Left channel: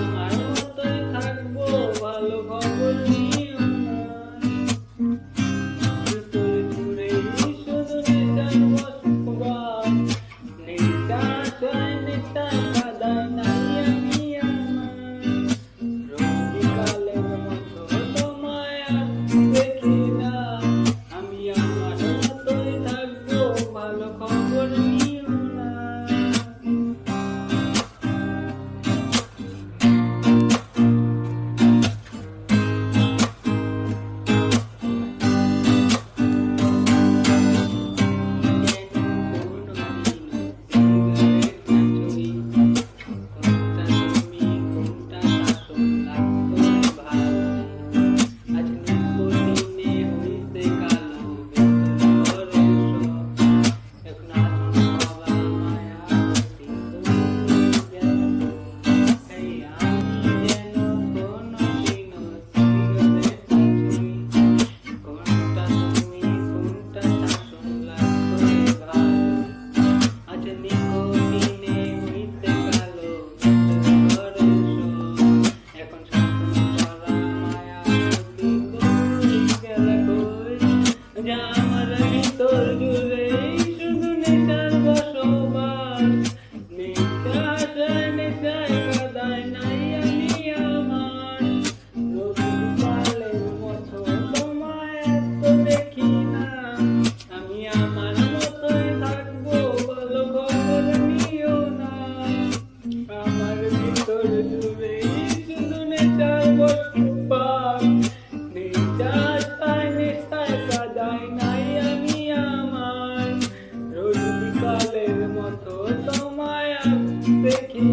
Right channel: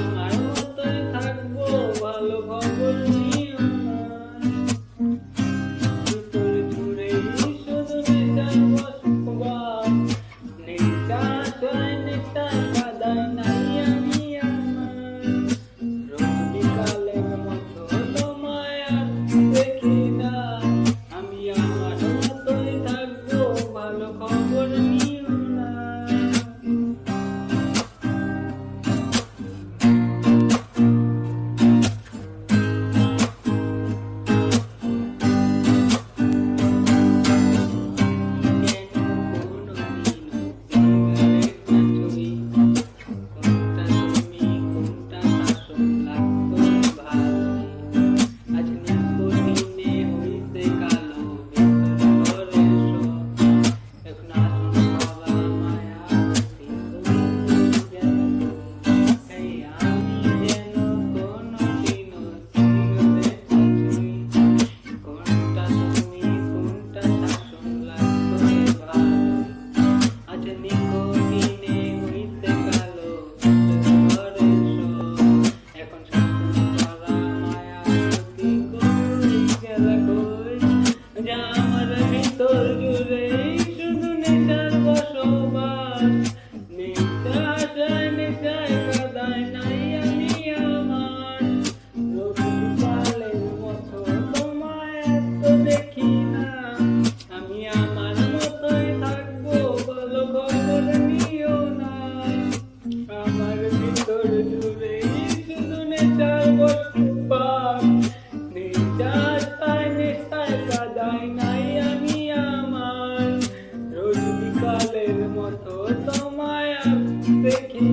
আমার মতোই থাকবো, ভালো খবর নিও না। ভিতর জুড়েই শুধু নেশার বসবাস, নেশায় নেশায় কাদায় নাই আমি আমার। রোজ বিকালের মতো তোমায় আর দেখি না, আমি আমার মতোই থাকবো, ভালো খবর নিও না। নিকোটিনে হইতে কালো ঘরে এখন শাসন করা মায়া গতি কই গেল কই, যা আমার ভিতর জুড়ে শুধু নেশার বসবাস, নেশায় নেশায় কাদায় নাই আমি আমার। রোজ বিকালের মতো তোমায় এত দেখি না, আমি আমার মতোই থাকবো, ভালো খবর নিও না। আমার ভিতর জুড়ে শুধু নেশার বসবাস, নেশায় নেশায় কাদায় নাই আমি আমার। রোজ বিকালের মতো তোমায় দেখি